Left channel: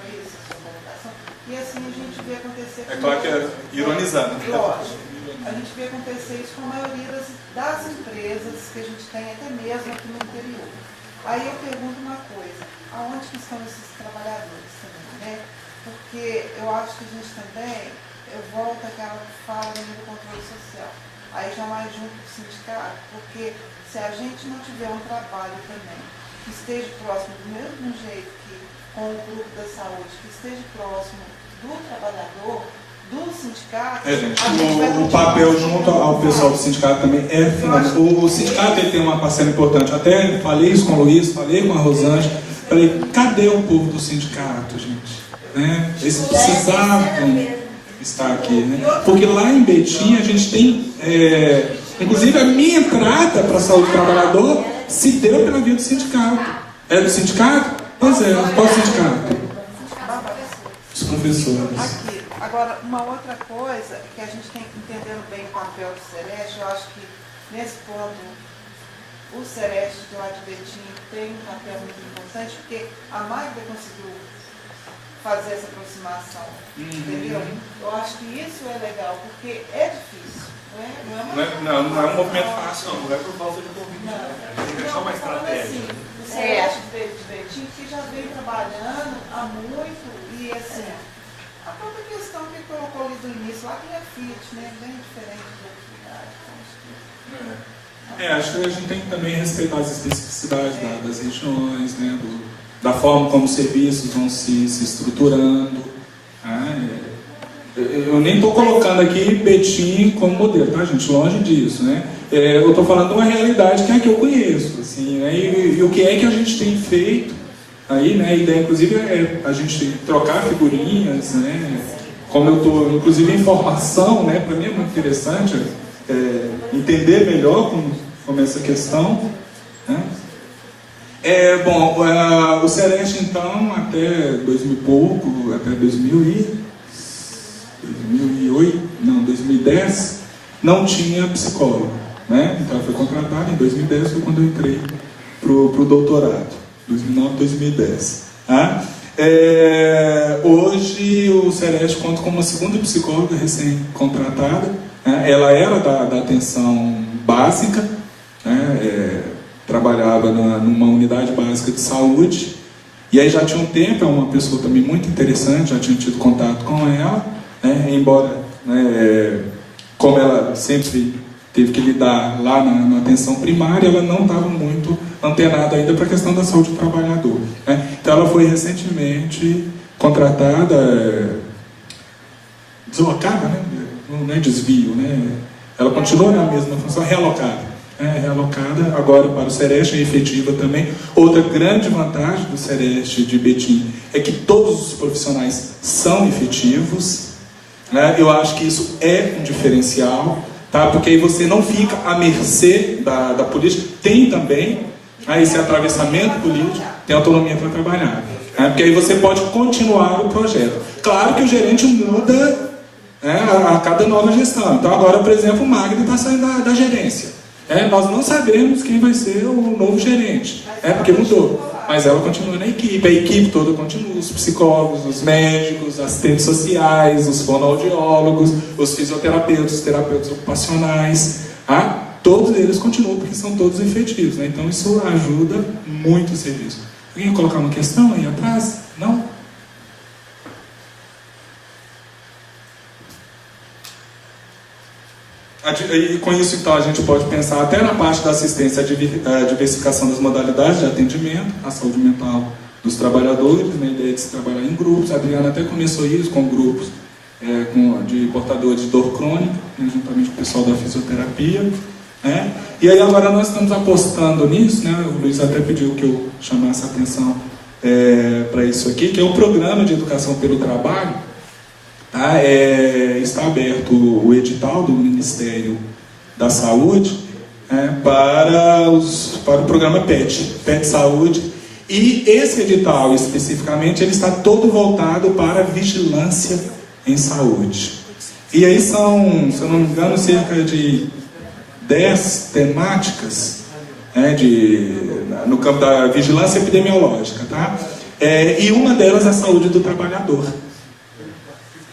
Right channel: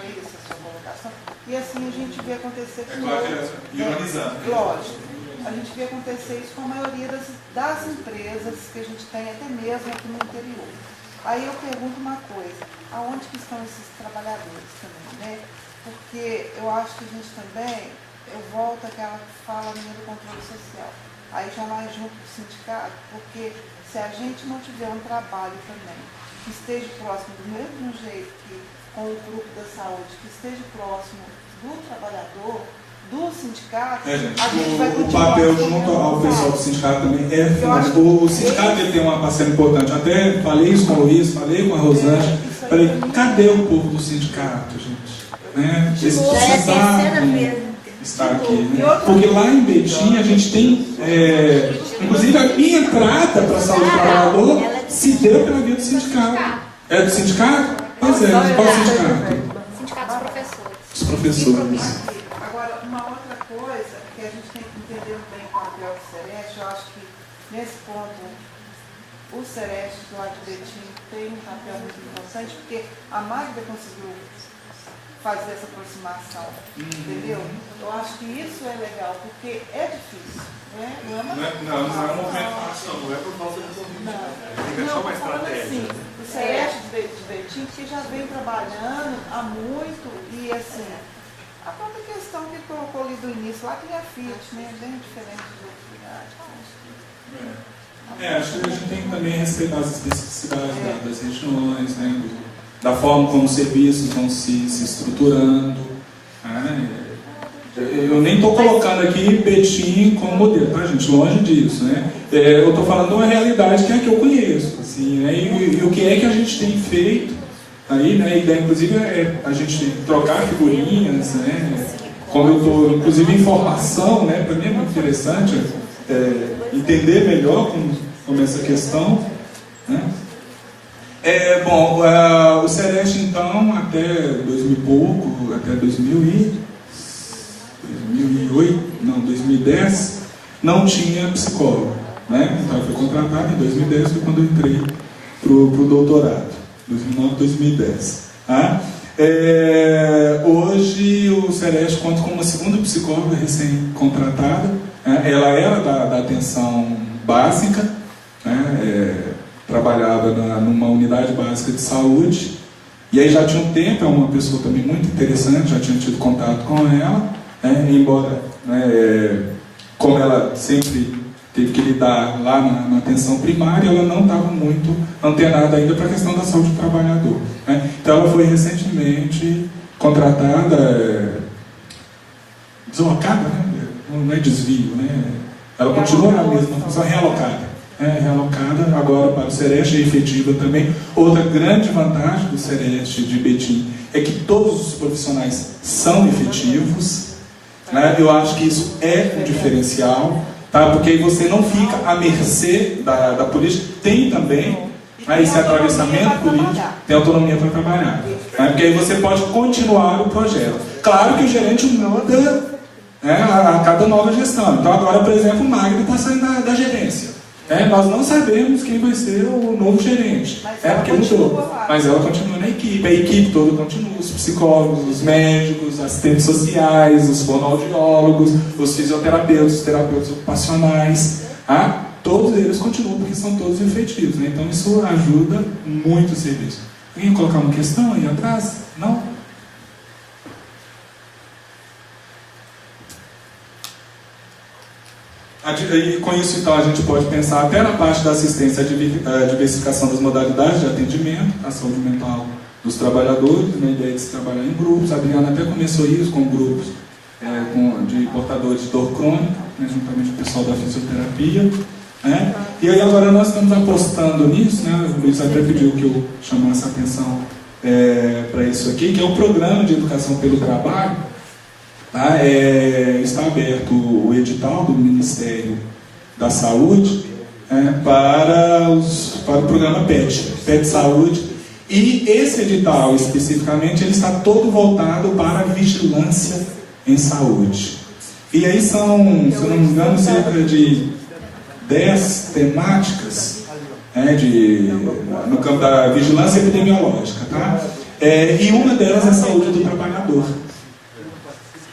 foi isso a sua colocação? E assim a gente vê acontecer... É claro que é ironizando. Lógico. A gente vê acontecer isso com a maioria das empresas que a gente tem, até mesmo aqui no interior. Aí eu pergunto uma coisa, aonde que estão esses trabalhadores também, né? Porque eu acho que a gente também, eu volto àquela fala do controle social, aí já mais junto com o sindicato, porque se a gente não tiver um trabalho também, que esteja próximo do mesmo jeito que com o grupo da saúde, que esteja próximo do trabalhador, do sindicato, a gente vai o papel junto ao pessoal do sindicato também é fundamental. O sindicato ele tem uma parcela importante. Até falei isso com o Luiz, falei com a Rosângela, falei, cadê o povo do sindicato, gente? Né? Eles precisavam estar aqui. Né? Porque lá em Betim a gente tem, inclusive a minha entrada para a saúde do trabalhador se deu pela via do sindicato. É do sindicato? Pois é, qual sindicato? Sindicato dos professores. Os professores. Agora, uma outra coisa que a gente tem que entender bem o papel do Sereste, eu acho que nesse ponto o Sereste do lado de Betim tem um papel muito importante, porque a Magda conseguiu fazer essa aproximação, entendeu? Eu acho que isso é legal, porque é difícil, né? Não é um movimento fácil, não é por falta de convite. Tem que Não, achar uma estratégia. assim, o Sereste de Betim, que já vem trabalhando há muito, e assim, a própria questão que colocou ali do início, lá tem a Fiat, né? Bem diferente dos outros lugares. Acho que a gente tem que também respeitar as especificidades das regiões, né? Da forma como os serviços vão se estruturando. Eu nem estou colocando aqui Betim como modelo, tá, gente? Longe disso, né? Eu estou falando de uma realidade que é a que eu conheço, assim, né? E o que é que a gente tem feito aí, né? A ideia, inclusive, é a gente trocar figurinhas, né? Como eu estou, inclusive, em formação, né? Para mim é muito interessante entender melhor como essa questão, né? O Sereste, então, até 2000 e pouco, até 2010, não tinha psicólogo, né? Então, foi contratado em 2010, foi quando eu entrei para o doutorado, 2009, 2010. Tá? Hoje, o Sereste conta com uma segunda psicóloga recém-contratada, né? Ela era da atenção básica, né? Trabalhava numa unidade básica de saúde, e aí já tinha um tempo, é uma pessoa também muito interessante, já tinha tido contato com ela, né? Embora, né, como ela sempre teve que lidar lá na atenção primária, ela não estava muito antenada ainda para a questão da saúde do trabalhador, né? Então ela foi recentemente contratada, deslocada, né? Não é desvio, né? Ela continua na mesma função, realocada. Realocada agora para o Sereste, é efetiva também. Outra grande vantagem do Sereste de Betim é que todos os profissionais são efetivos, né? Eu acho que isso é um diferencial, tá? Porque aí você não fica à mercê da política. Tem também, né, esse atravessamento político, tem autonomia para trabalhar, né? Porque aí você pode continuar o projeto. Claro que o gerente muda, né, a cada nova gestão. Então agora, por exemplo, o Magda está saindo da gerência. Nós não sabemos quem vai ser o novo gerente, porque mudou. Mas ela continua na equipe, a equipe toda continua, os psicólogos, os médicos, os assistentes sociais, os fonoaudiólogos, os fisioterapeutas, os terapeutas ocupacionais, tá? Todos eles continuam, porque são todos efetivos, né? Então isso ajuda muito o serviço. Alguém colocar uma questão aí atrás? Não? E com isso, então, a gente pode pensar até na parte da assistência à diversificação das modalidades de atendimento à saúde mental dos trabalhadores, né? A ideia de se trabalhar em grupos. A Adriana até começou isso com grupos de portadores de dor crônica, né? Juntamente com o pessoal da fisioterapia, né? E aí agora nós estamos apostando nisso, né? O Luiz até pediu que eu chamasse a atenção para isso aqui, que é o Programa de Educação pelo Trabalho. Tá? Está aberto o edital do Ministério da Saúde para o programa PET Saúde, e esse edital especificamente ele está todo voltado para a vigilância em saúde. E aí são, se eu não me engano, cerca de 10 temáticas no campo da vigilância epidemiológica, tá? E uma delas é a saúde do trabalhador.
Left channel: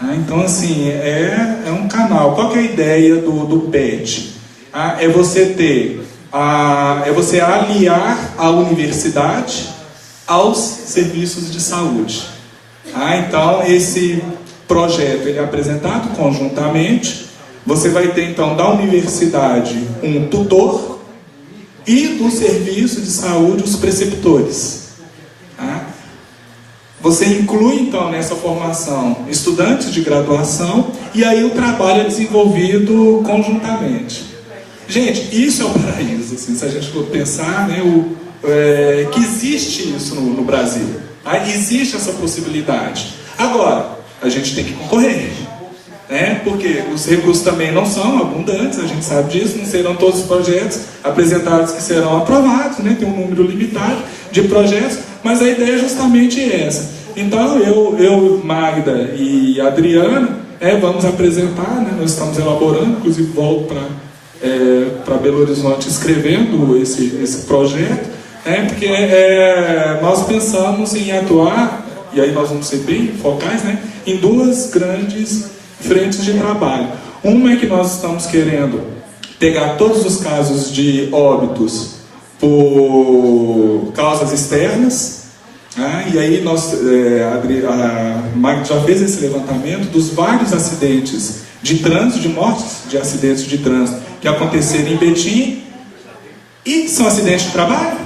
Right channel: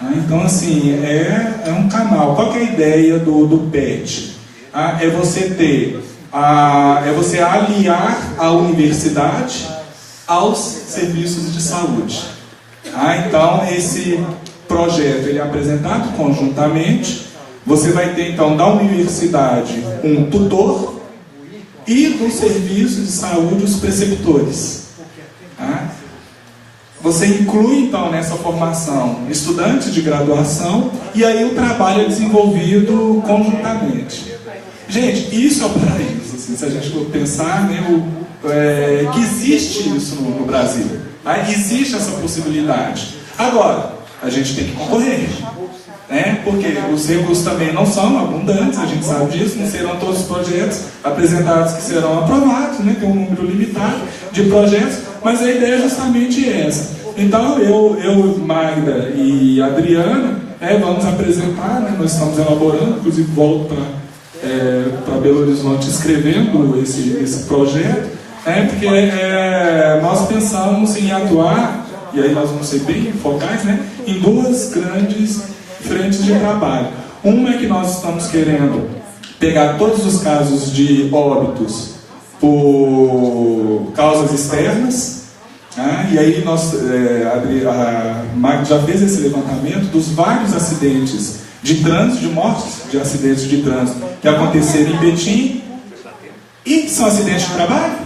Então, assim, é um canal. Qual que é a ideia do PET? É você é você aliar a universidade aos serviços de saúde. Então, esse projeto ele é apresentado conjuntamente. Você vai ter, então, da universidade um tutor e do serviço de saúde os preceptores. Você inclui, então, nessa formação estudantes de graduação e aí o trabalho é desenvolvido conjuntamente. Gente, isso é o paraíso, assim, se a gente for pensar, né, que existe isso no Brasil. Existe essa possibilidade. Agora, a gente tem que concorrer, né, porque os recursos também não são abundantes, a gente sabe disso, não serão todos os projetos apresentados que serão aprovados, né, tem um número limitado de projetos, mas a ideia é justamente essa. Então, eu Magda e Adriano, vamos apresentar, né, nós estamos elaborando, inclusive volto para Belo Horizonte escrevendo esse projeto, porque nós pensamos em atuar, e aí nós vamos ser bem focais, né, em duas grandes frentes de trabalho. Uma é que nós estamos querendo pegar todos os casos de óbitos por causas externas, e aí a Magda já fez esse levantamento dos vários acidentes de trânsito, de mortes de acidentes de trânsito que aconteceram em Betim, e são acidentes de trabalho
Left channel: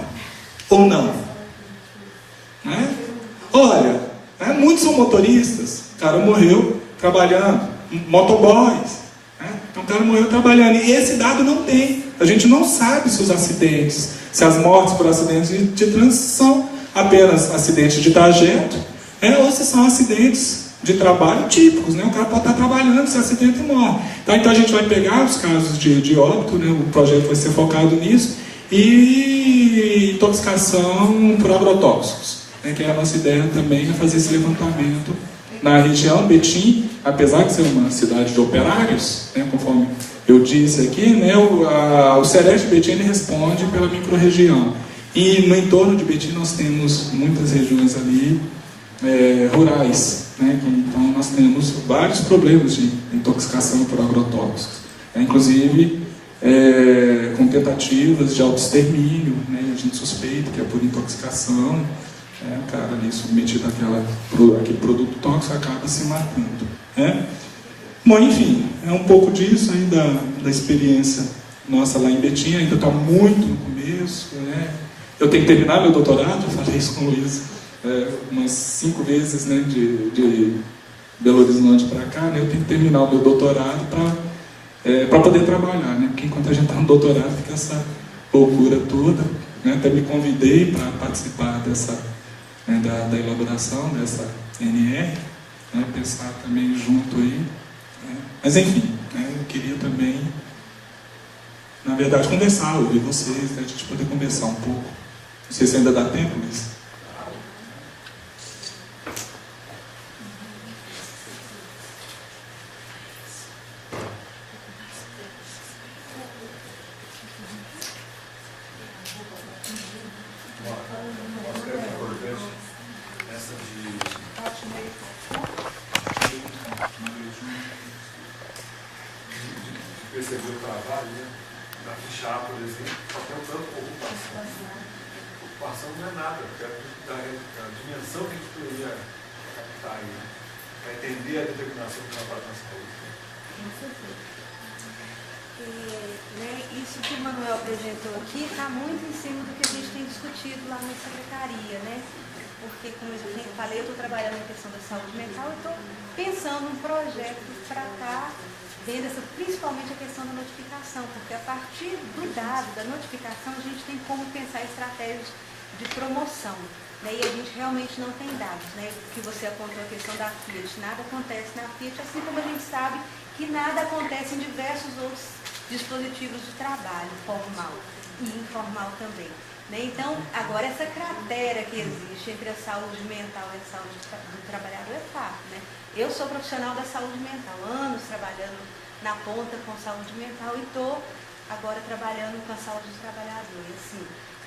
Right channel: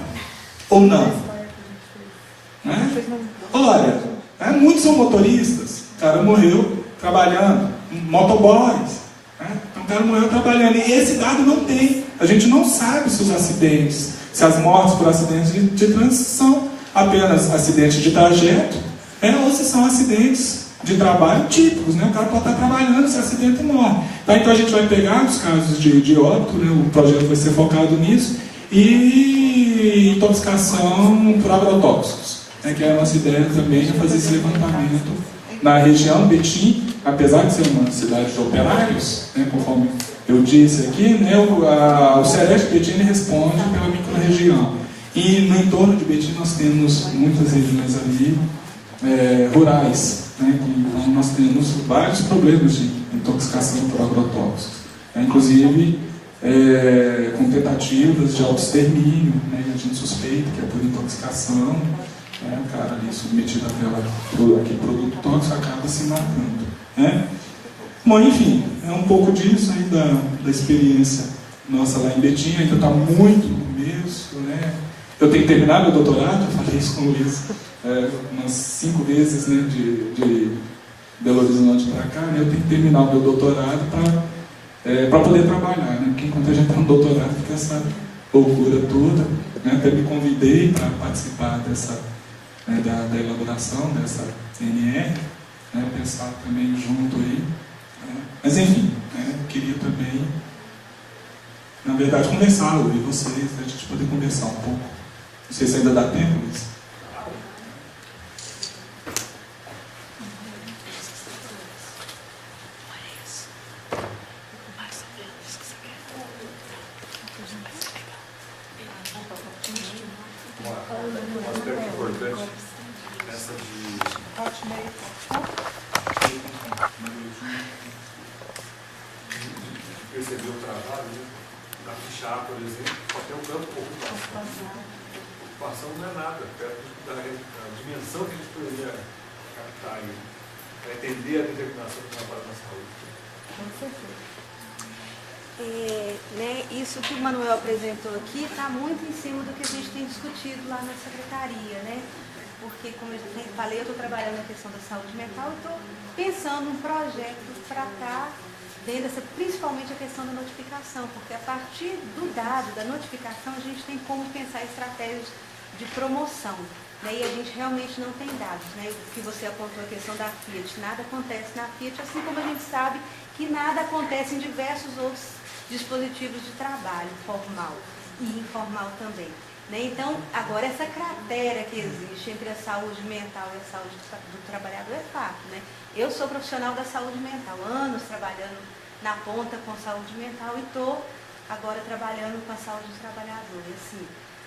ou não? Olha, muitos são motoristas, o cara morreu trabalhando, motoboys, então o cara morreu trabalhando, e esse dado não tem, a gente não sabe se os acidentes, se as mortes por acidentes de trânsito são apenas acidentes de trajeto, ou se são acidentes de trabalho típicos, né? O cara pode estar trabalhando, se acidente e morre. Então a gente vai pegar os casos de óbito, né? O projeto vai ser focado nisso, e intoxicação por agrotóxicos, que é a nossa ideia também é fazer esse levantamento na região. Betim, apesar de ser uma cidade de operários, conforme eu disse aqui, né, o CEREST de Betim ele responde pela microrregião. E no entorno de Betim nós temos muitas regiões ali rurais, então nós temos vários problemas de intoxicação por agrotóxicos, inclusive com tentativas de autoextermínio, a gente suspeita que é por intoxicação, o cara ali submetido àquele produto tóxico acaba se matando. Bom, enfim, é um pouco disso ainda da experiência nossa lá em Betim, ainda está muito no começo, Eu tenho que terminar meu doutorado, eu falei isso com o Luiz umas 5 vezes, de Belo Horizonte para cá, eu tenho que terminar o meu doutorado para poder trabalhar, porque enquanto a gente está no doutorado fica essa loucura toda, até me convidei para participar da elaboração dessa NR, pensar também junto aí, mas enfim, eu queria também, na verdade, conversar, ouvir vocês, a gente poder conversar um pouco. Não sei se ainda dá tempo, mas... Um aspecto importante essa de perceber o trabalho, da ficha A, por exemplo, só tem o campo ocupação. Ocupação não é nada, perto da dimensão que a gente poderia captar aí, para entender a determinação do trabalho na saúde. Com certeza. Isso que o Manuel apresentou aqui está muito em cima do que a gente tem discutido lá na secretaria, Porque, como eu já falei, eu estou trabalhando na questão da saúde mental e estou pensando um projeto para estar vendo principalmente a questão da notificação, porque a partir do dado, da notificação, a gente tem como pensar estratégias de promoção, e a gente realmente não tem dados, O que você apontou a questão da Fiat, nada acontece na Fiat, assim como a gente sabe que nada acontece em diversos outros dispositivos de trabalho, formal e informal também. Então, agora essa cratera que existe entre a saúde mental e a saúde do trabalhador é fato, Eu sou profissional da saúde mental, anos trabalhando na ponta com saúde mental e estou agora trabalhando com a saúde do trabalhador. E, assim,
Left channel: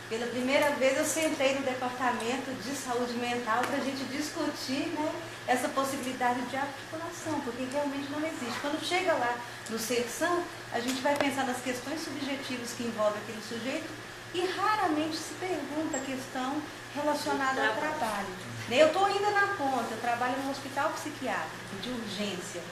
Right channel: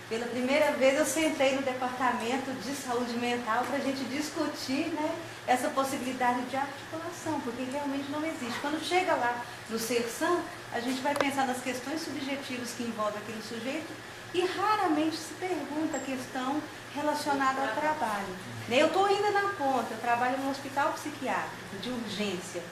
Pela primeira vez eu sentei no departamento de saúde mental para a gente discutir, né, essa possibilidade de articulação, porque realmente não existe. Quando chega lá no CERSAM, a gente vai pensar nas questões subjetivas que envolvem aquele sujeito e raramente se pergunta a questão relacionada ao trabalho. Eu estou ainda na ponta, eu trabalho no hospital psiquiátrico de urgência.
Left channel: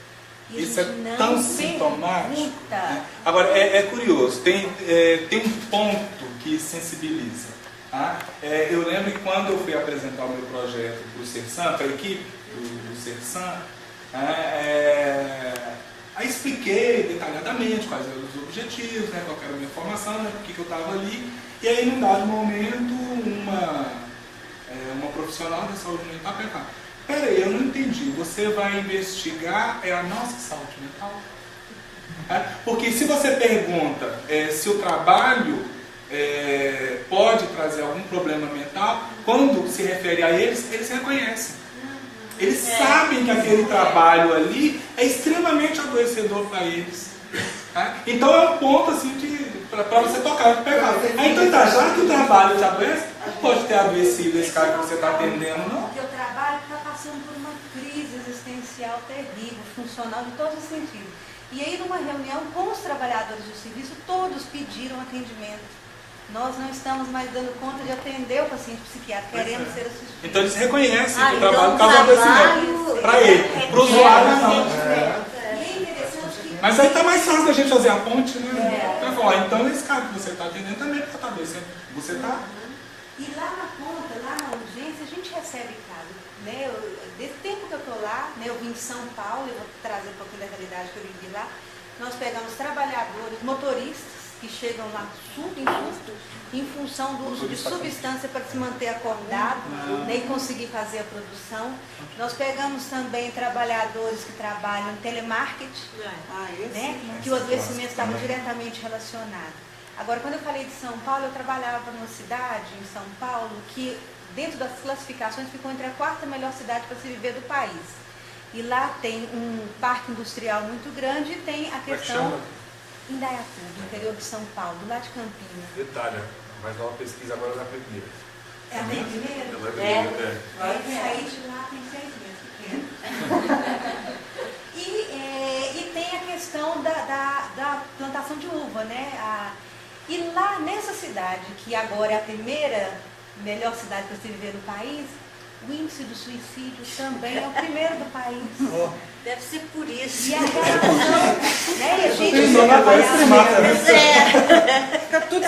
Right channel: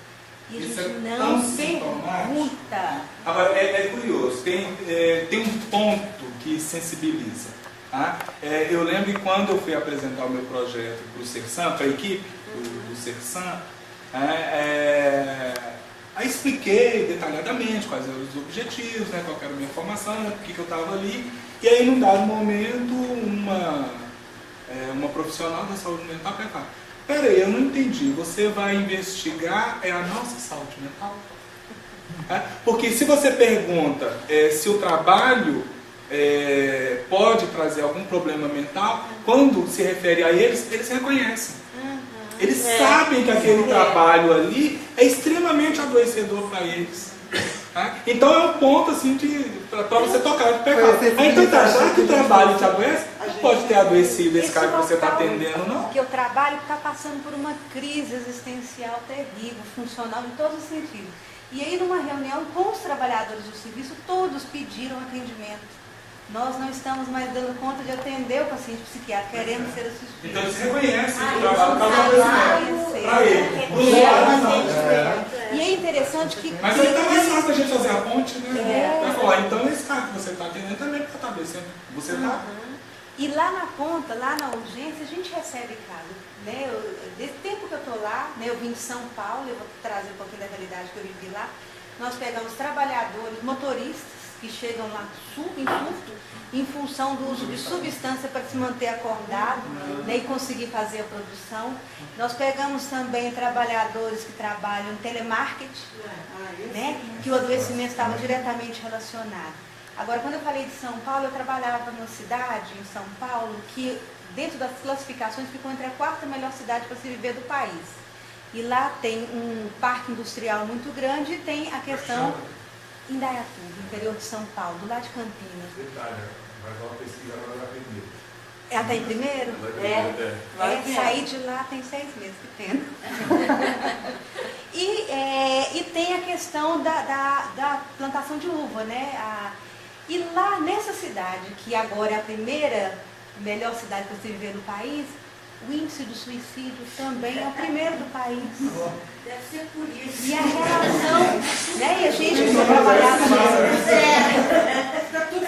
E a Isso gente é não tão sintomático. pergunta. Agora, é curioso, tem um ponto que sensibiliza. Tá? Eu lembro que quando eu fui apresentar o meu projeto para o CERSAM, para a equipe do CERSAM, aí expliquei detalhadamente quais eram os objetivos, né, qual era a minha formação, né, por que eu estava ali. E aí, num dado momento, uma profissional da saúde mental perguntou: peraí, eu não entendi, você vai investigar a nossa saúde mental? Porque se você pergunta se o trabalho pode trazer algum problema mental, quando se refere a eles reconhecem. Eles sabem que aquele trabalho ali é extremamente adoecedor para eles. Então é um ponto assim para você tocar e pegar. Então tá, já que o trabalho te adoece, não pode ter adoecido esse cara que você está atendendo, não? Porque o trabalho está passando por uma crise existencial terrível, funcional em todos os sentidos. E aí, numa reunião com os trabalhadores do serviço, todos pediram atendimento. Nós não estamos mais dando conta de atender o paciente psiquiátrico, queremos ser assistidos. Então eles reconhecem que o trabalho está adoecendo. Para ele, para o usuário não. E é interessante que... Mas aí está mais fácil da gente fazer a ponte, né? Vai falar, então esse cara que você está atendendo também está adoecendo. Você está... E lá na ponta, lá na urgência, a gente recebe caso. Né? Desse tempo que eu estou lá, né, eu vim de São Paulo, eu vou trazer um pouquinho da realidade que eu vivi lá. Nós pegamos trabalhadores, motoristas, que chegam lá em surto, em função do uso de substância para se manter acordado, né, e conseguir fazer a produção. Nós pegamos também trabalhadores que trabalham em telemarketing, né, que o adoecimento estava diretamente relacionado. Agora, quando eu falei de São Paulo, eu trabalhava numa cidade, em São Paulo, que dentro das classificações ficou entre a 4ª melhor cidade para se viver do país. E lá tem um parque industrial muito grande e tem a questão... Indaiatuba, interior de São Paulo, do lado de Campinas. Detalhe, mas uma pesquisa agora vai primeiro. Ela está em primeiro? Saí de lá tem 6 meses que tem. E tem a questão da plantação de uva, né? E lá nessa cidade, que agora é a primeira melhor cidade para se viver no país, o índice do suicídio também é o primeiro do país. Deve ser por isso. E a relação, né? E a gente trabalhava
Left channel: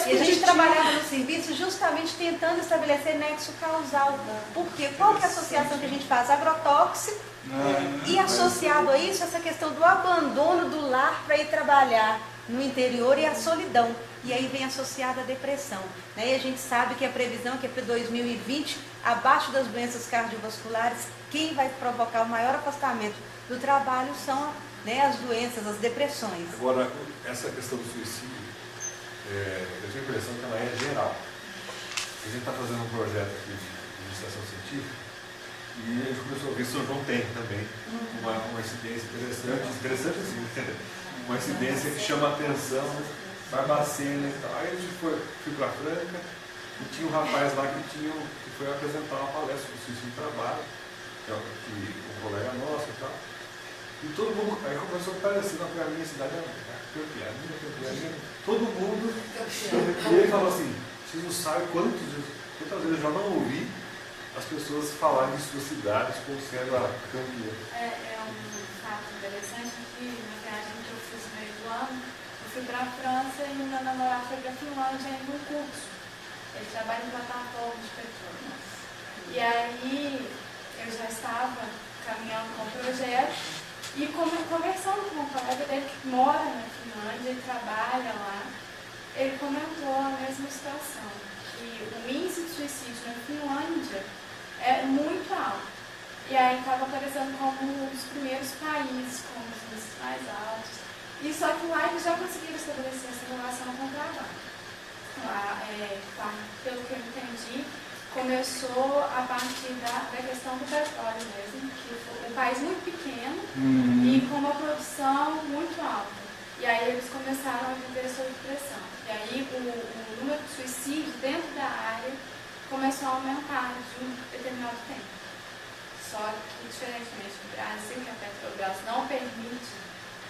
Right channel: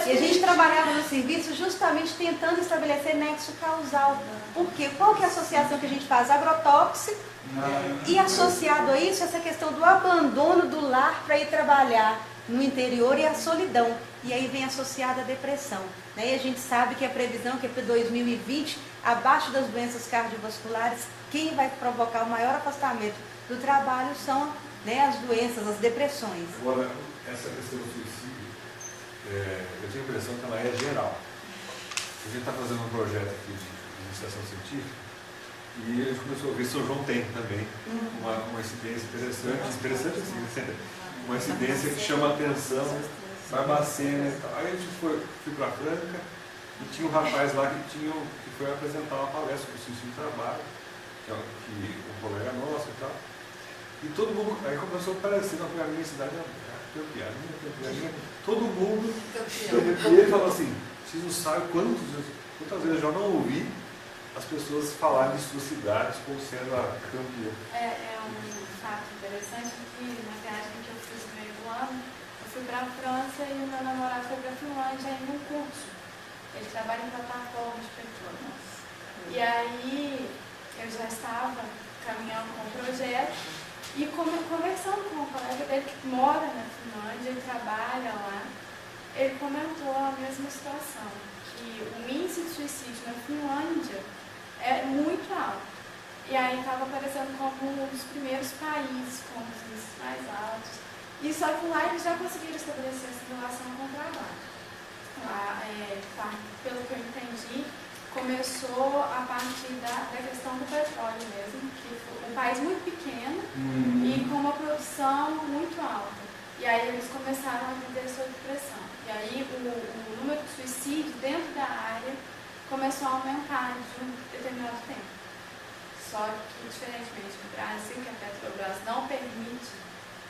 e a gente trabalhava no serviço justamente tentando estabelecer nexo causal. Por quê? Qual que é a associação que a gente faz? Agrotóxico. E associado a isso, essa questão do abandono do lar para ir trabalhar no interior e a solidão. E aí vem associada a depressão. Né? E a gente sabe que a previsão que é para 2020, abaixo das doenças cardiovasculares, quem vai provocar o maior afastamento do trabalho são, né, as doenças, as depressões. Agora, essa questão do suicídio, eu tenho a impressão que ela é geral. A gente está fazendo um projeto aqui de iniciação científica e a gente começou a ver, São João tem também uma incidência interessante assim, uma incidência que chama a atenção, Barbacena e tal. Aí a gente fui para Franca e tinha um rapaz lá que foi apresentar uma palestra do suicídio do trabalho, que um colega nosso e tal. E todo mundo, aí começou a aparecer, não, a minha cidade é campeã, todo mundo, e ele falou assim, vocês não sabem quantas vezes eu já não ouvi as pessoas falarem de suas cidades como sendo a campeã. É um fato interessante que na viagem que eu fiz no meio do ano, eu fui para a França e o meu namorado foi para a Finlândia em um curso. Ele trabalha em plataforma de petróleo. E aí eu já estava caminhando com o projeto e conversando com um colega dele que mora na Finlândia e trabalha lá, ele comentou a mesma situação, que o índice de suicídio na Finlândia é muito alto. E aí estava aparecendo como um dos primeiros países com os índices mais altos. E só que lá eles já conseguiram estabelecer essa relação com o trabalho. Lá, pelo que eu entendi, começou a partir da questão do petróleo mesmo, que foi um país muito pequeno e com uma produção muito alta. E aí eles começaram a viver sob pressão. E aí o número de suicídios dentro da área começou a aumentar de um determinado tempo. Só que, diferentemente do Brasil, que a Petrobras não permite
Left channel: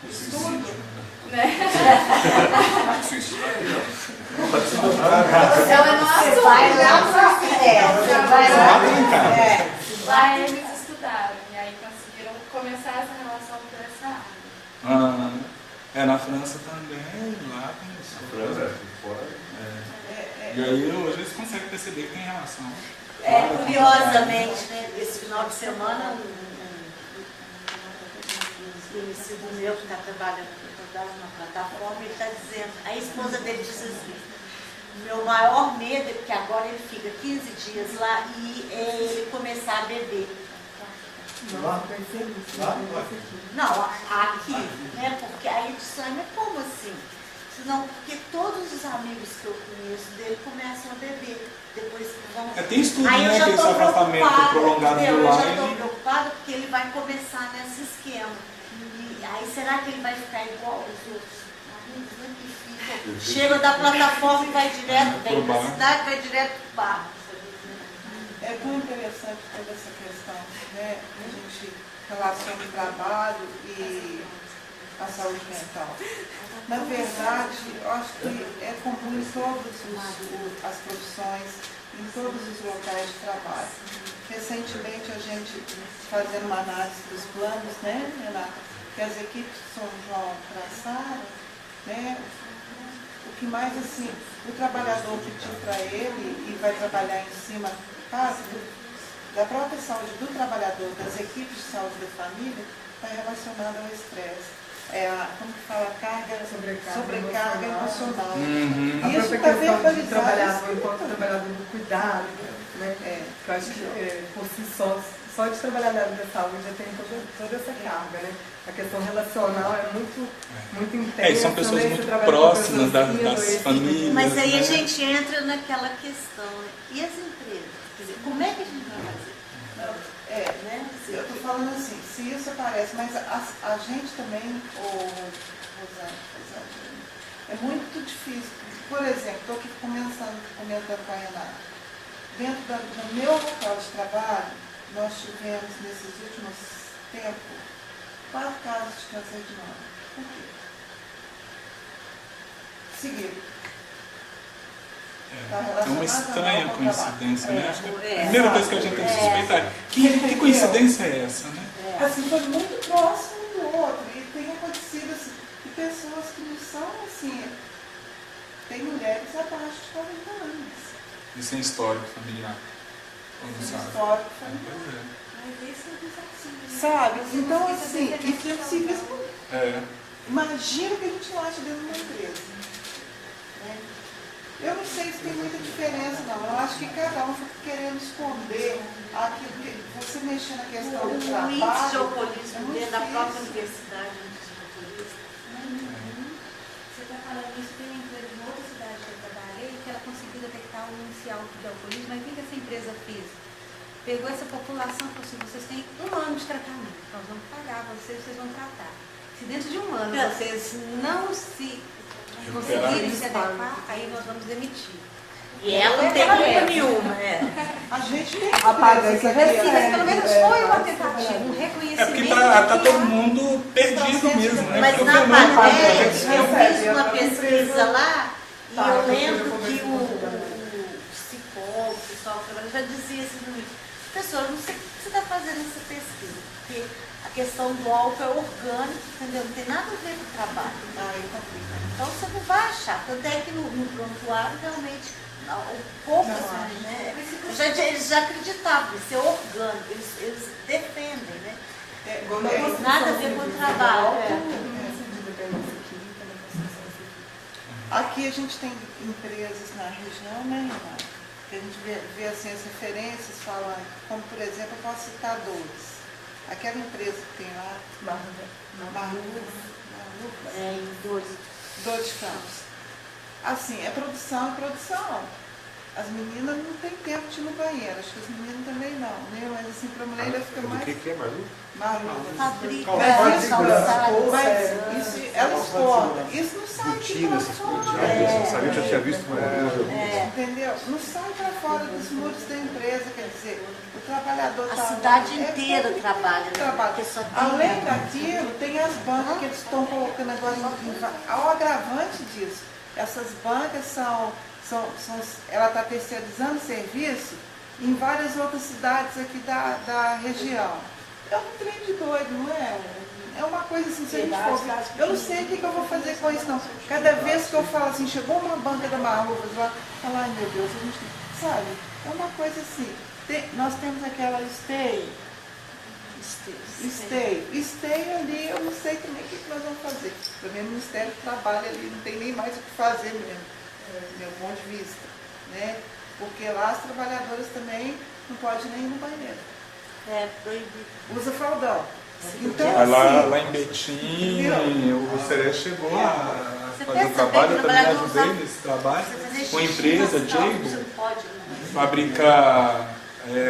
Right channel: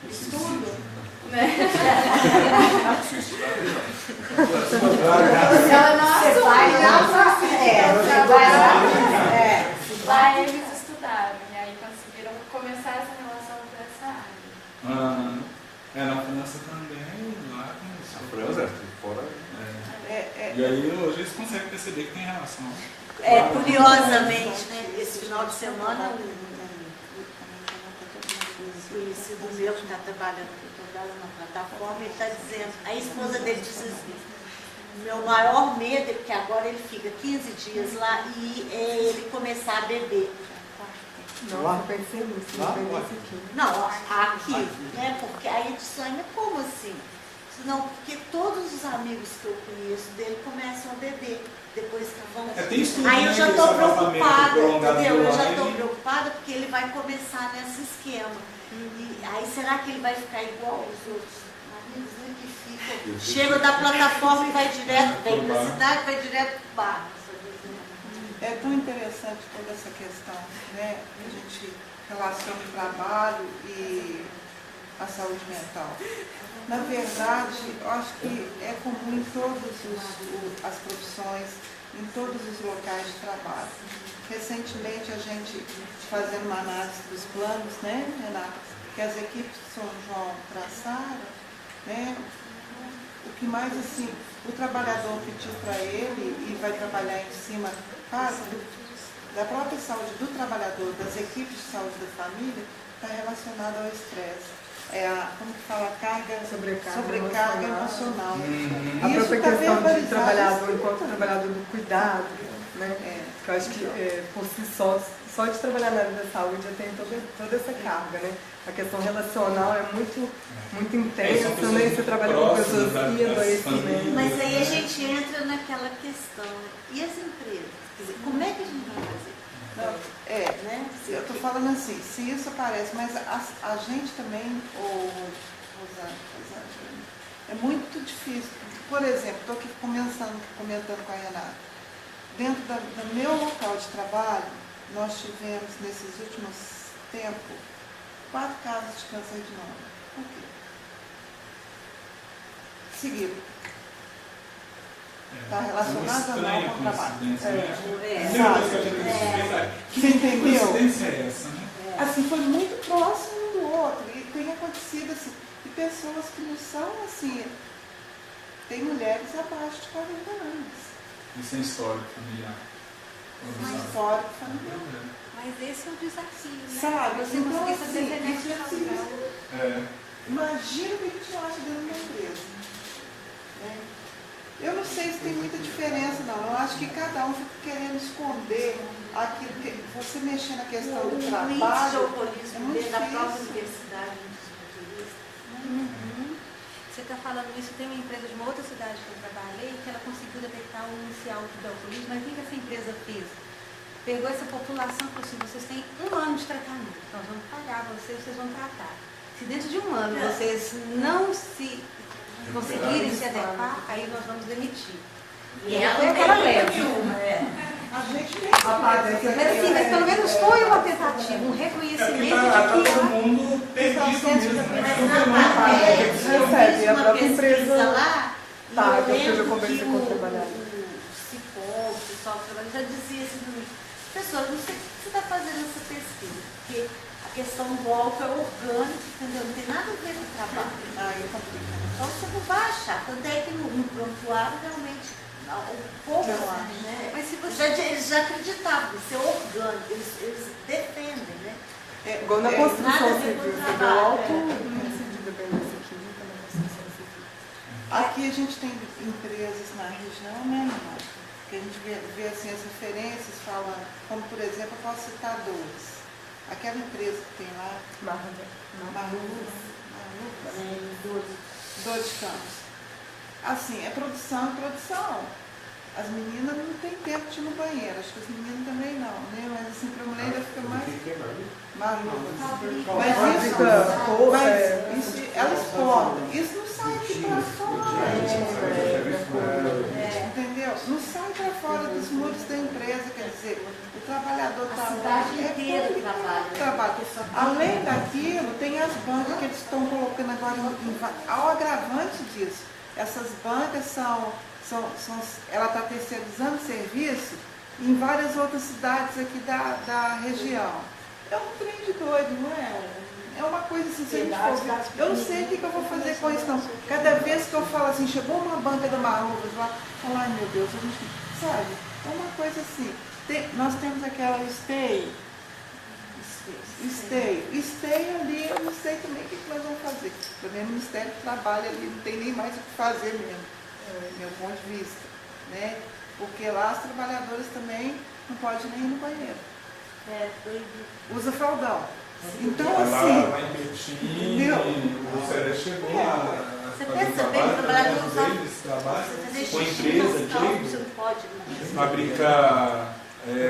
o estudo, né? Ela não assume, Você vai lá. Lá eles estudaram e aí conseguiram começar essa relação por essa área. Na França também, lá começou. Na França, fora. E aí hoje eles conseguem perceber que tem relação. Curiosamente, né, esse final de semana, um conhecido meu que está trabalhando na plataforma, ele está dizendo, a esposa dele diz assim, meu maior medo é porque agora ele fica 15 dias lá e ele começar a beber. Não, aqui, né? Porque aí de sangue é como assim? Não, porque todos os amigos que eu conheço dele começam a beber. Depois que vão. Tem estudo, aí eu né, já que estou esse afastamento preocupada, prolongado entendeu? do Eu já ar, estou preocupada porque ele vai começar nesse esquema. E aí será que ele vai ficar igual os outros amigos, né? Que ficam, chega da plataforma e vai direto, vem para a cidade, vai direto para o bar. É tão interessante toda essa questão, né? A gente relaciona o trabalho e a saúde mental. Na verdade, eu acho que é comum em todas as profissões, em todos os locais de trabalho. Recentemente, a gente fazendo uma análise dos planos, né, Renata, que as equipes de São João traçaram, né, o que mais, assim, o trabalhador pediu para ele e vai trabalhar em cima da própria saúde do trabalhador, das equipes de saúde da família, está relacionado ao estresse. Como que fala, sobrecarga emocional. A Isso própria tá questão de trabalhador verbalizado, enquanto trabalhador do cuidado, né? Que eu acho que por si só de trabalhar na área da saúde já tem toda essa carga, né? A questão relacional é muito intensa, são pessoas né? Você trabalha com pessoas das famílias. Mas aí a gente entra naquela questão, né? E as empresas? Quer dizer, como é que a gente vai fazer? Né? Eu estou falando assim, se isso aparece, mas a gente também, Rosane, é muito difícil. Por exemplo, estou aqui comentando com a Renata. Dentro do meu local de trabalho, nós tivemos, nesses últimos tempos, 4 casos de câncer de mama. Por quê? Seguido. Está relacionado ou não com o trabalho. Né? A primeira coisa que a gente tem que suspeitar. Que coincidência é essa, né? Assim, foi muito próximo um do outro. E tem acontecido assim, e pessoas que não são assim. Tem mulheres abaixo de 40 anos. Isso é histórico familiar. Histórico familiar. Mas esse é o desafio, né? Sabe? Você Então, conseguir assim, fazer inflexível. genética Imagina o que a gente acha dentro de uma empresa. Né? Eu não sei se tem muita diferença, não. Eu acho que cada um fica querendo esconder aquilo que você mexer na questão do trabalho. O índice de alcoolismo muito dentro da própria difícil. universidade, o índice de alcoolismo. Você está falando isso, tem uma empresa de uma outra cidade que eu trabalhei que ela conseguiu detectar o inicial de alcoolismo, mas o que essa empresa fez? Pegou essa população e falou assim, vocês têm 1 ano de tratamento, nós vamos pagar vocês vão tratar. Se dentro de 1 ano vocês não se conseguirem se adequar, aí nós vamos demitir. E ela foi não aquela tem leva. nenhuma. A gente tem Mas pelo menos foi uma tentativa, um reconhecimento de que todo há mundo perdido mesmo. Mas na parte matéria, que a gente eu recebe, fiz a uma própria pesquisa empresa lá e tá, eu então lembro eu que conversei com o trabalhador. o psicólogo, o pessoal que trabalha, já dizia assim para mim, professor, não sei o que você está fazendo essa pesquisa, porque a questão do álcool é orgânico, entendeu? Não tem nada a ver com o trabalho. Então você não vai achar. Tanto é que no prontuário realmente pouco, né? Eles já acreditavam, isso é orgânico, eles defendem, né? Igual na construção nada a ver com o civil, trabalho. o índice de dependência química na construção civil. Aqui a gente tem empresas na região, né, Renata? Que a gente vê assim, as referências falando, como por exemplo, eu posso citar 2. Aquela empresa que tem lá, Dores de Campos. Assim, é produção e produção. as meninas não têm tempo de ir no banheiro, acho que as meninas também não, né? Mas assim, para a mulher ainda fica mais O que é Malu? maluca. Fabrica, Mas isso, Mas isso elas exportam. Isso não sai aqui para fora. Eu já tinha visto Entendeu? Não sai para fora dos muros da empresa, quer dizer, o trabalhador A está cidade inteira trabalha, né? trabalha. Porque só tem- Além daquilo, tem as bancas que eles estão colocando agora ao agravante disso. Essas bancas ela está terceirizando serviço em várias outras cidades aqui da região. É um trem de doido, não é? É uma coisa assim, se a gente for ver, eu não sei o que eu vou fazer com isso, não. Cada vez que eu falo assim, chegou uma banca da Marluvas lá, eu falo, ai meu Deus, a gente, sabe? É uma coisa assim. Nós temos aquela Stay ali, eu não sei também o que nós vamos fazer. Também o Ministério trabalha ali, não tem nem mais o que fazer mesmo, meu ponto de vista, né? Porque lá as trabalhadoras também não podem nem ir no banheiro. É proibido. Usa fraldão. Então, Lá assim, em Betim, o Sereste chegou a Você fazer um pensa bem, trabalho, eu também trabalhador ajudei usar- nesse trabalho, Você fazer com a xixi empresa, nas calças, você Jago, não pode, não. fabrica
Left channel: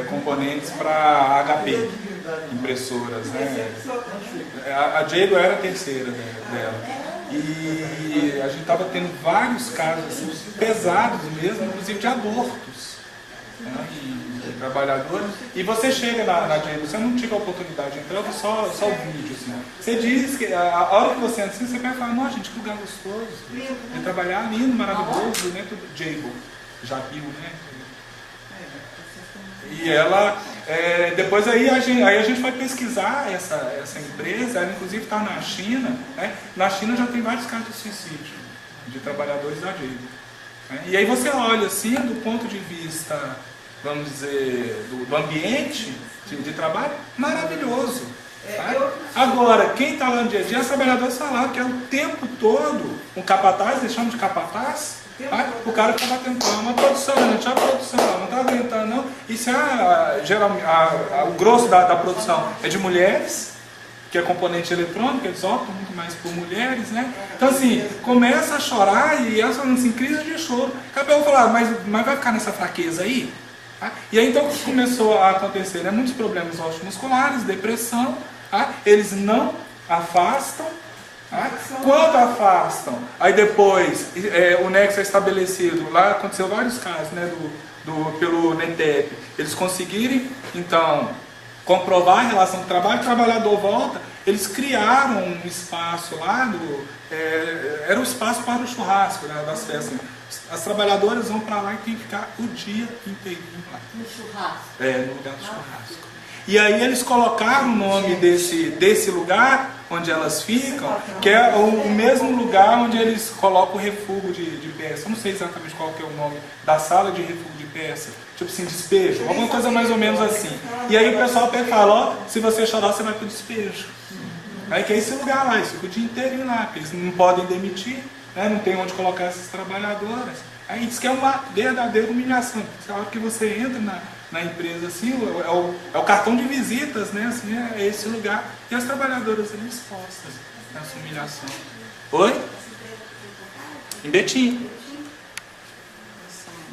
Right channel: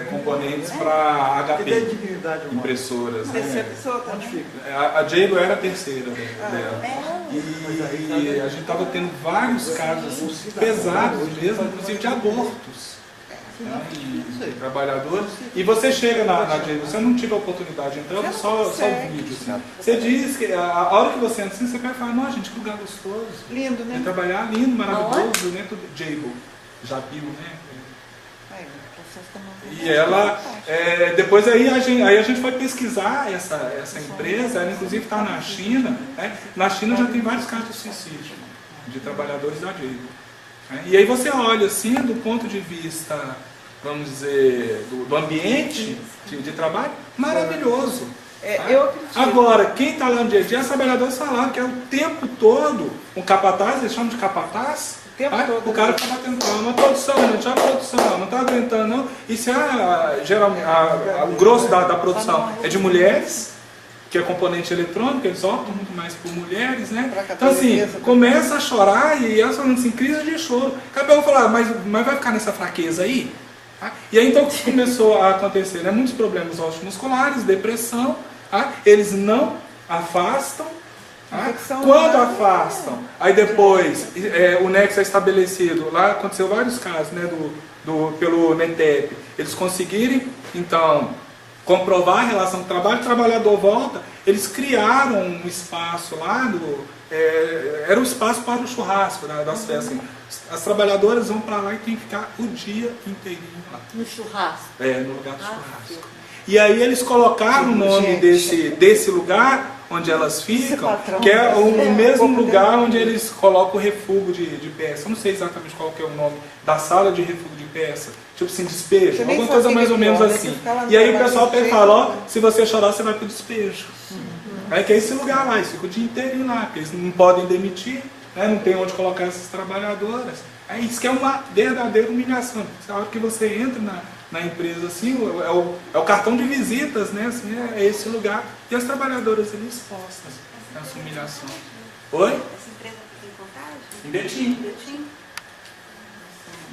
componentes para HP, impressoras, né? A Jago era a terceira dela. E a gente estava tendo vários casos assim, pesados mesmo, inclusive de abortos. Né, e trabalhadores. E você chega na Jago, você não tive a oportunidade de entrar, eu vi só o vídeo. Assim, ó. Você diz que a hora que você entra assim, você vai falar, nossa gente, que lugar gostoso. lindo, É né? trabalhar lindo, maravilhoso, né? Tudo Jago, Jabil, né? E ela, depois aí a gente foi pesquisar essa empresa, ela inclusive está na China, né? Na China já tem vários casos de suicídio de trabalhadores da Jago. Né? E aí você olha assim, do ponto de vista, vamos dizer, do ambiente de trabalho, maravilhoso. Tá? Agora, quem está lá no dia a dia, os trabalhadores falaram que é o tempo todo, um capataz, eles chamam de capataz, tá? O cara fica batendo palma, a produção, não tinha produção, não está aguentando não. E se geralmente, o grosso da produção é de mulheres, que é componente eletrônico, eles optam muito mais por mulheres, né? Então assim, começa a chorar e elas falando assim, crise de choro. Acabou de falar, mas vai ficar nessa fraqueza aí? Tá? E aí então o que começou a acontecer? Né? Muitos problemas osteomusculares, depressão, tá? Eles não afastam. Tá? Quando afastam, aí depois o nexo é estabelecido, lá aconteceu vários casos, né, pelo NETEP, eles conseguirem, então, comprovar a relação com o trabalho, o trabalhador volta, eles criaram um espaço lá, era o espaço para o churrasco, né, das festas. As trabalhadoras vão para lá e tem que ficar o dia inteirinho lá. No churrasco. No lugar do churrasco. E aí eles colocaram o nome desse lugar onde elas ficam, que é o mesmo lugar onde eles colocam o refúgio de peça. Eu não sei exatamente qual que é o nome da sala de refúgio de peça. Tipo assim, despejo, alguma coisa mais ou menos assim. E aí o pessoal pega e fala, ó, se você chorar, você vai pro despejo. Aí que é esse lugar lá, eles ficam o dia inteiro lá, porque eles não podem demitir, né, não tem onde colocar essas trabalhadoras. Aí diz que é uma verdadeira humilhação. A hora que você entra na empresa, assim, é o cartão de visitas, né? Assim, é esse lugar. E as trabalhadoras ali expostas nessa humilhação. Oi? Essa empresa que tem Em Betim. Betim?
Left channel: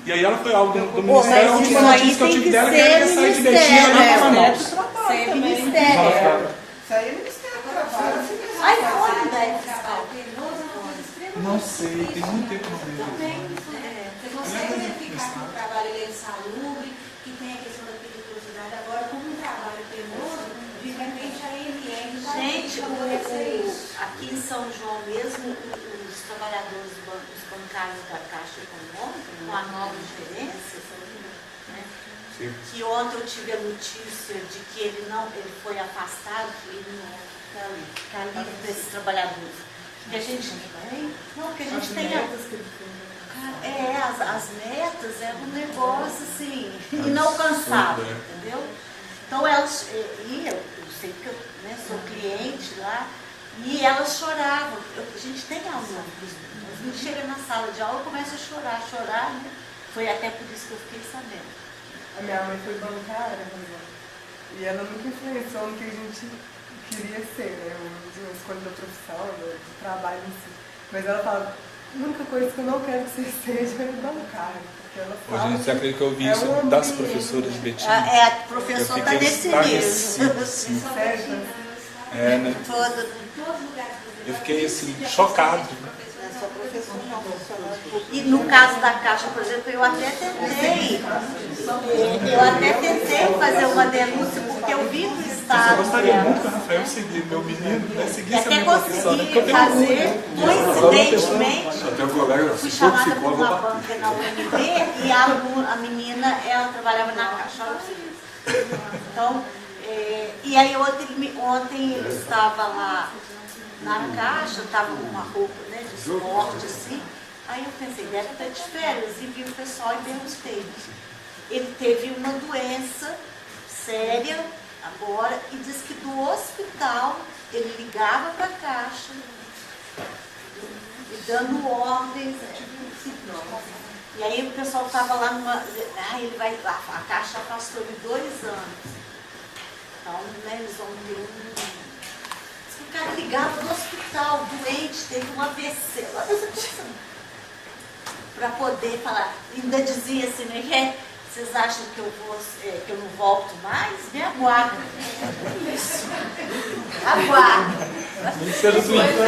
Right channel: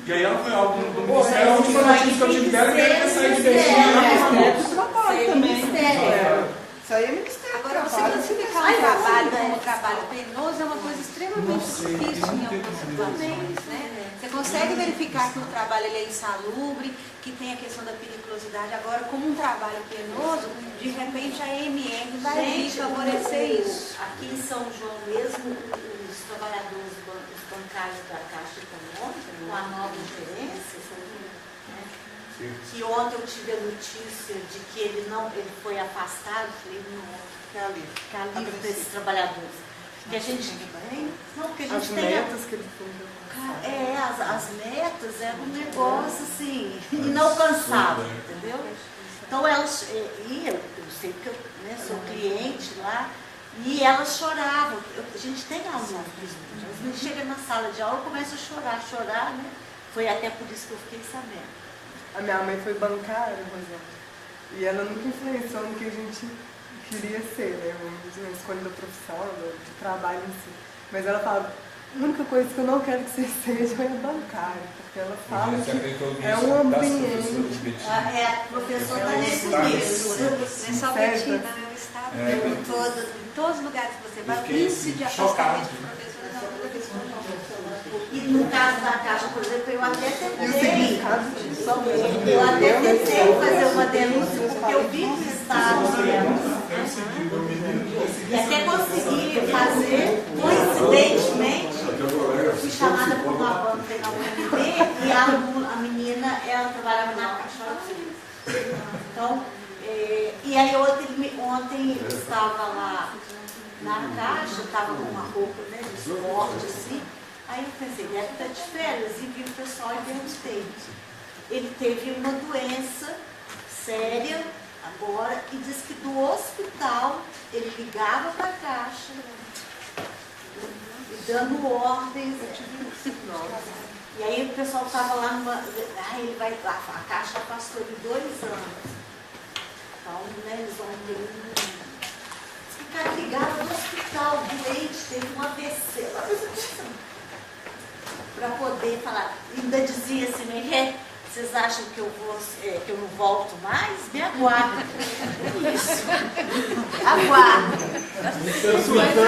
E aí ela foi algo do Mas Ministério, isso aí que eu tive tem dela, que que era ser sair de ministério, Betim. né? do trabalho Sem também. ministério. Isso aí é Ministério do Agora, Trabalho. você ficar Ai, no trabalho, olha, com um trabalho penoso é uma coisa extremamente Não sei, tem difícil. muito tempo Você mesmo. também, né? Você consegue verificar que o trabalho ele é insalubre, que tem a questão da periculosidade. Agora, como um trabalho penoso, de repente a AMM vai Gente, favorecer isso. aqui em São João mesmo, os trabalhadores os bancários da Caixa Econômica, com a nova gerência, né, que ontem eu tive a notícia de que ele foi afastado, que ele não ficar livre desses trabalhadores. Que a gente não, que a gente As tem metas que ele fez. as metas é um negócio assim, inalcançável, entendeu? Então elas, e eu sei porque eu, né, sou cliente lá, e elas choravam. A gente tem alunos, a gente chega na sala de aula e começa a chorar, né? Foi até por isso que eu fiquei sabendo. A minha mãe foi bancária, Rosana, e ela nunca influenciou no que a gente queria ser, né? Na escolha da profissão, do trabalho em si. Mas ela fala, A única coisa que eu não quero que você seja é bancária, porque ela fala Você acredita que eu ouvi é isso um das ambiente. professoras Betina? A professora está nesse mesmo. Não só Betina, né? O estado É, né? Todo. em todos os lugares que você Eu vai, fiquei, índice assim, de chocado. afastamento de professores é uma coisa absurda. E no caso da Caixa, por exemplo, eu até tentei fazer uma denúncia, porque eu vi que o Eu Estado gostaria muito que o Rafael seguir, meu menino, vai seguir e essa até minha professora. consegui fazer, coincidentemente, Até o colega, fui chamada por uma banca na UNB e a menina, ela trabalhava na Caixa. Olha pra você ver. Então, e aí ontem ele estava lá na Caixa, estava com uma roupa, né, de esporte, assim. Aí eu pensei, deve estar de férias, e vi o pessoal e perguntei. Ele teve uma doença séria agora e disse que do hospital ele ligava para a Caixa e dando ordens. E aí o pessoal estava lá numa. Ele vai, a Caixa afastou ele 2 anos. Então, né, eles vão ter O cara ligava no hospital, doente, teve um AVC. Para poder falar. Ainda dizia assim, né? Vocês acham que eu não volto mais? Me aguardem. Isso. Aguardem. Eu volto.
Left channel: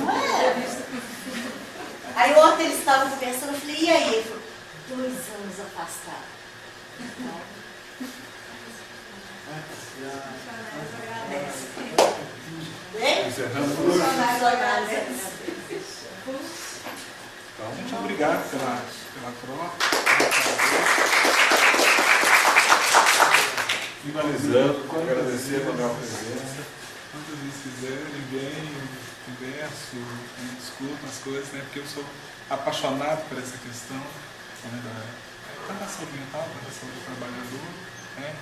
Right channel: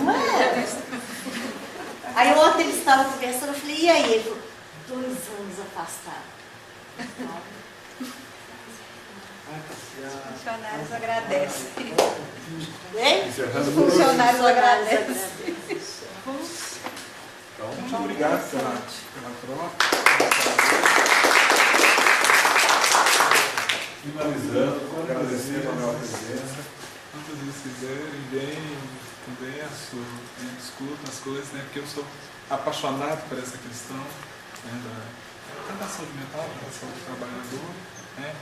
Não é? Aí ontem eles estavam conversando, eu falei, e aí? Ele falou, 2 anos afastado. Funcionários agradecem. Bem? Funcionários agradecem. Então, Muito obrigado pela troca. finalizando, agradecer a Manuel a presença. Quantas vezes quiserem, venham, converso, discuto as coisas, né? Porque eu sou apaixonado por essa questão, né, tanto da saúde mental quanto da saúde do trabalhador, né?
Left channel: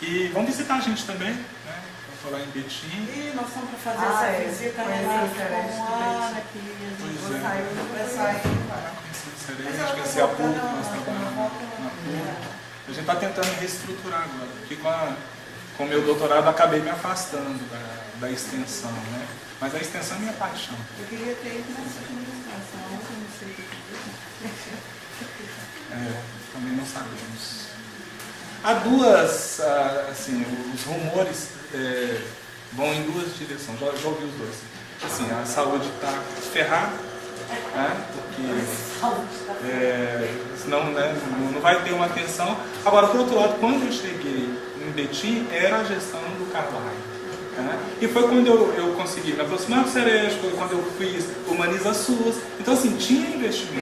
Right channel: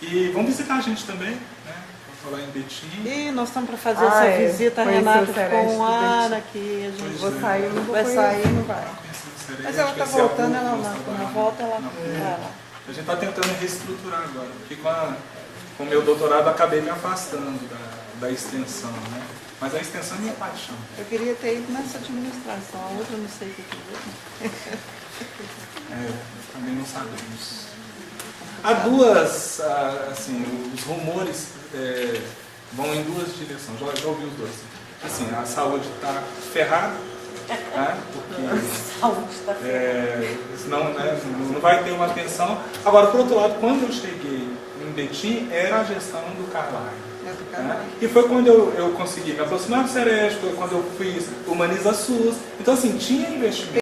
E vão visitar a gente também, né? Vou falar em Betim. E nós estamos para fazer essa visita, Renato, com o ar aqui. A gente vai sair, não vai. Conhecer o Mas Sereste, ela tá conhecer a PUC, voltando, nós quando trabalhamos volta, ela na PUC. vai. A gente está tentando reestruturar agora, porque com o meu doutorado eu acabei me afastando da extensão, né? Mas a extensão é minha paixão. Eu queria ter ido nessa administração, a outra não sei o que Também não sabemos. Há duas, assim, os rumores vão em 2 direções, já ouvi os dois. Assim, a saúde está ferrada, né? Porque senão, né, não vai ter uma atenção. Agora, por outro lado, quando eu cheguei em Betim, era a gestão do Carvalho. Né? E foi quando eu consegui me aproximar do Sereste, foi quando eu fiz Humaniza SUS. Então, assim, tinha investimento.